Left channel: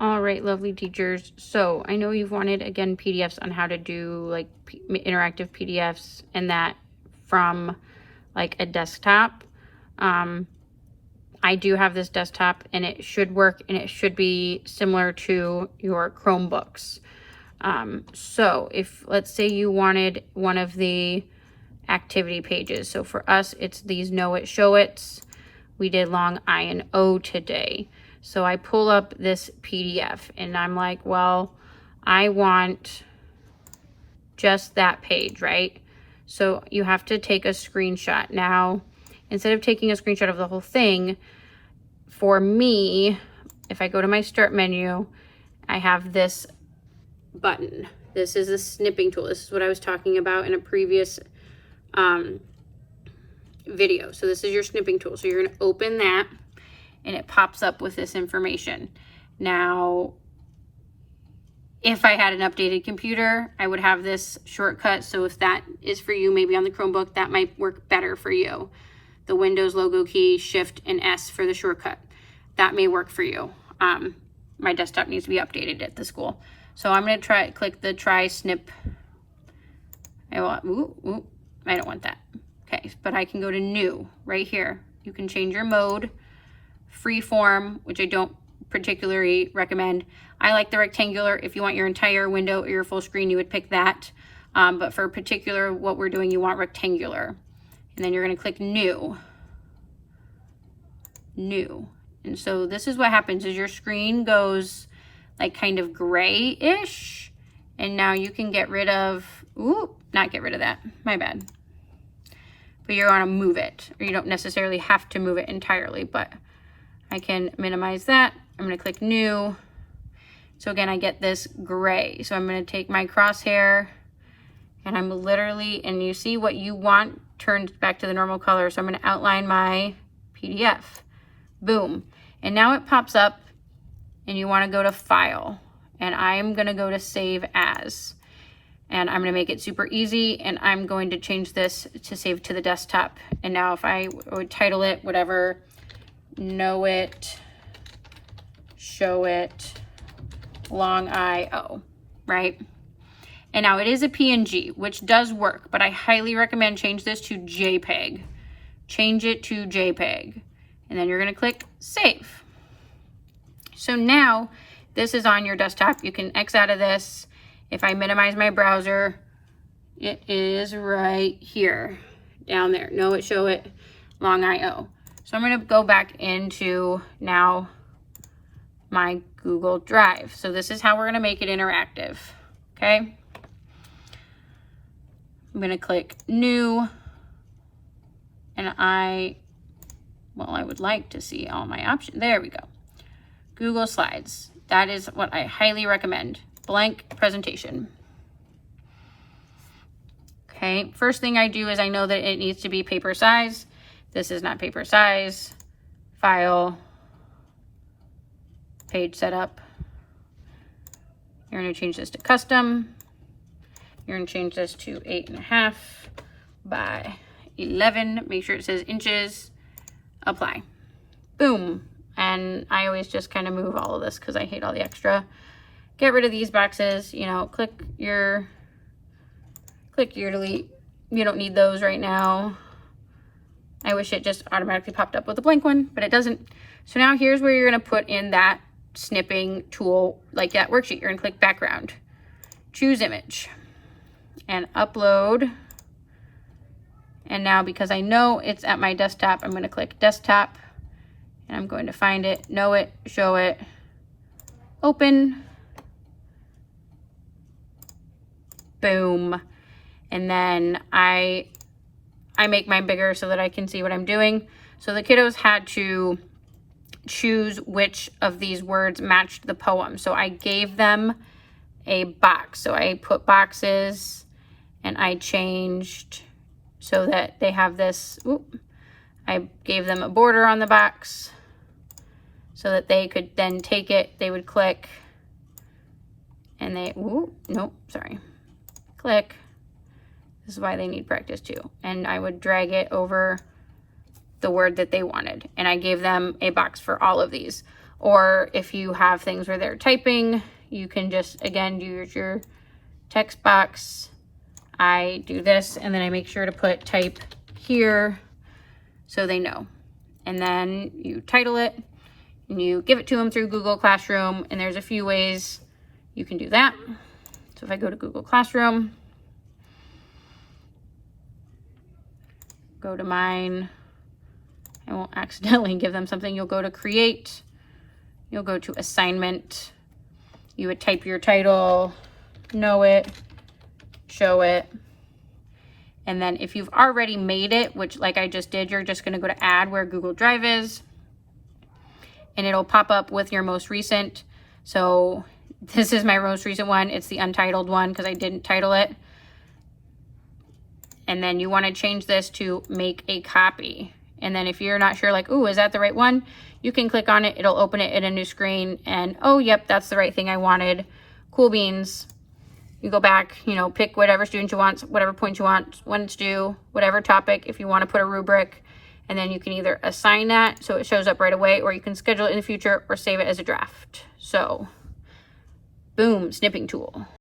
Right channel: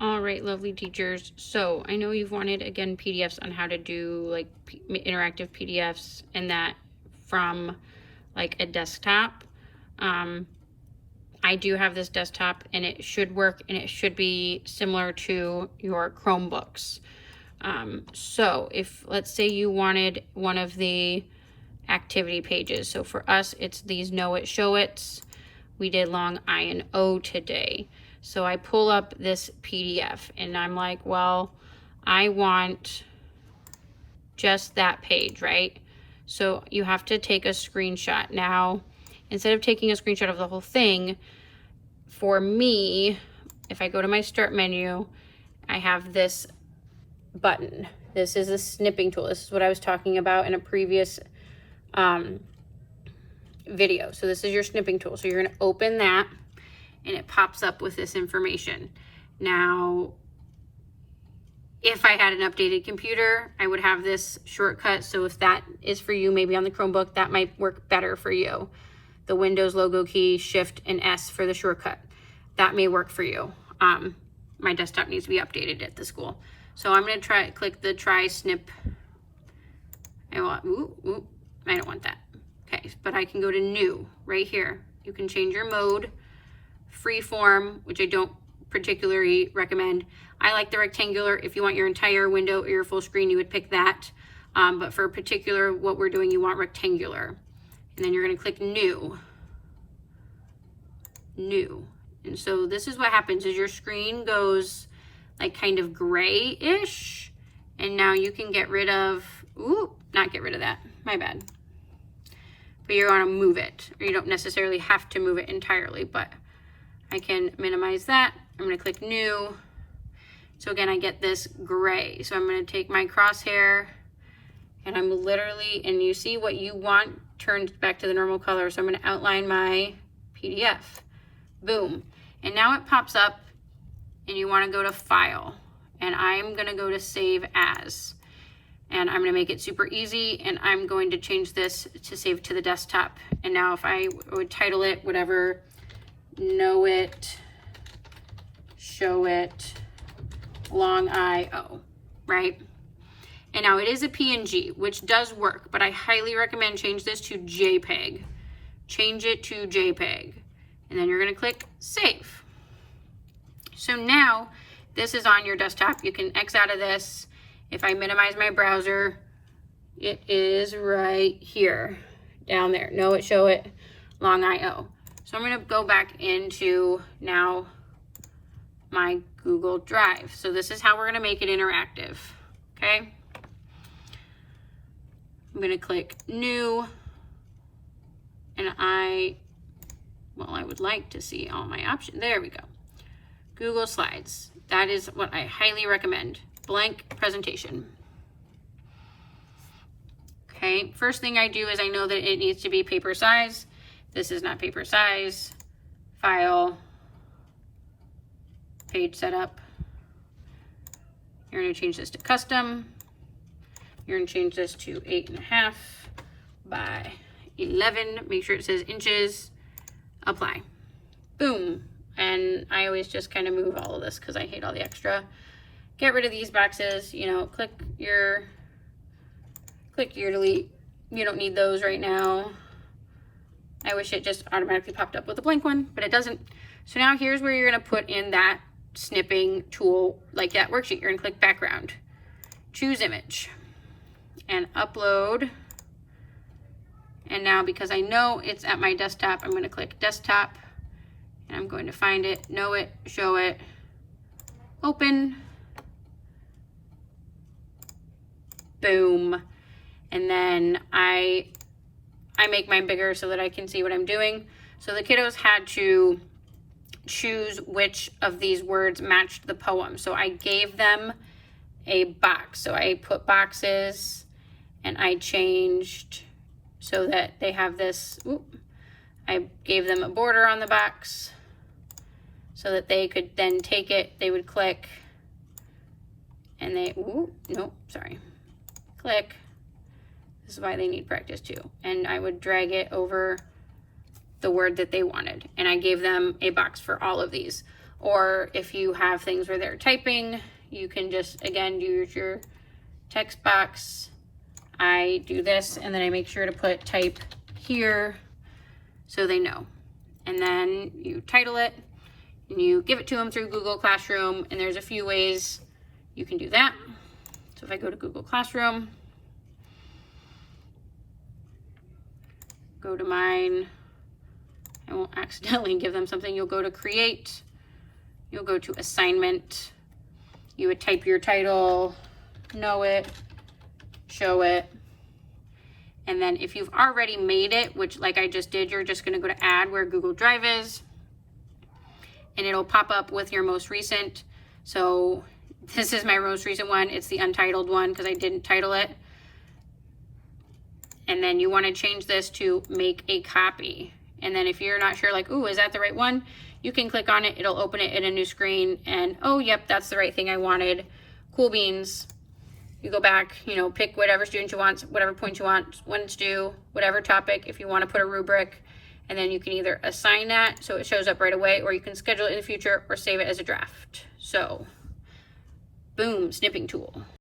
All right, lovely teachers. So I know you've wanted, again, PDFs on how to do like interactive PDFs and that from like a desktop. I do have this desktop and it should work and it should be similar to your Chromebooks. So if, let's say you wanted one of the activity pages. So for us, it's these Know It, Show It's. We did long I and O today. So I pull up this PDF and I'm like, well, I want just that page, right? So you have to take a screenshot. Now, instead of taking a screenshot of the whole thing, for me, if I go to my start menu, I have this button. This is a snipping tool. This is what I was talking about in a previous video. So this is your snipping tool. So you're going to open that and it pops up with this information. Now, if I had an updated computer, I would have this shortcut. So if that is for you, maybe on the Chromebook, that might work better for you. The Windows logo key, Shift and S for the shortcut. That may work for you. My desktop needs to be updated at the school. So I'm going to click the try snip. I don't want that. Okay, but I can go to new right here. You can change your mode, freeform, which I don't particularly recommend. I like the rectangular. If you want your entire window or your full screen, you would pick that. But for particular, what we're doing, you want rectangular. And then you're going to click new. New. And so this is what happens is your screen goes like kind of gray-ish. And now you can get rid of, not get rid of that, my bad. But you're going to move it, or you don't necessarily have to move it entirely, but I can minimize that. I'm going to click new. So again, I get this gray. So I'm going to take my crosshair and I'm literally, and you see what you want turned back to the normal color. So I'm going to outline my PDF. Boom. And now it pops up and you want to go to File. And I'm going to go to Save As. And I'm going to make it super easy. And I'm going to change this to save to the desktop. And now if I would title it, whatever, Know It, Show It, long I-O, right? And now it is a PNG, which does work, but I highly recommend change this to JPEG. Change it to JPEG. And then you're going to click Save. So now this is on your desktop. You can X out of this. If I minimize my browser, it is right here, down there. Know It, Show It, long I-O. So I'm going to go back into now my Google Drive. So this is how we're going to make it interactive. Okay. I'm going to click New. And I would like to see all my options. There we go. Google Slides. That is what I highly recommend. Blank presentation. Okay, first thing I do is I know that it needs to be paper size. This is not paper size. File, page setup. You're going to change this to custom. You're going to change this to 8.5 by 11. Make sure it says inches. Apply. Boom. And I always just kind of move all of this because I hate all the extra. Get rid of these boxes, you know, click your delete. You don't need those right now. I wish it just automatically popped up with a blank one, but it doesn't. So now here's where you're going to put in that snipping tool, like that worksheet. You're going to click background, choose image, and upload. And now because I know it's at my desktop, I'm going to click desktop and I'm going to find it, Know It, Show It, open. Boom. And then I make mine bigger so that I can see what I'm doing. So the kiddos had to choose which of these words matched the poem. So I gave them a box. So I put boxes and I changed so that they have this, I gave them a border on the box so that they could then take it, they would click and they, click. This is why they need practice too. And I would drag it over the word that they wanted. And I gave them a box for all of these. Or if you have things where they're typing, you can just, again, use your text box. I do this, and then I make sure to put type here so they know. And then you title it, and you give it to them through Google Classroom, and there's a few ways you can do that. So if I go to Google Classroom, go to mine, I won't accidentally give them something. You'll go to create, you'll go to assignment, you would type your title, know it, show it, and then if you've already made it, which like I just did, you're just going to go to add where Google Drive is, and it'll pop up with your most recent. So this is my most recent one. It's the untitled one because I didn't title it. And then you want to change this to make a copy. And then if you're not sure, like, ooh, is that the right one? You can click on it. It'll open it in a new screen, and oh, yep, that's the right thing I wanted. Cool beans. You go back, you know, pick whatever student you want, whatever point you want, when it's due, whatever topic, if you want to put a rubric, and then you can either assign that so it shows up right away, or you can schedule it in the future or save it as a draft. So, boom, snipping tool.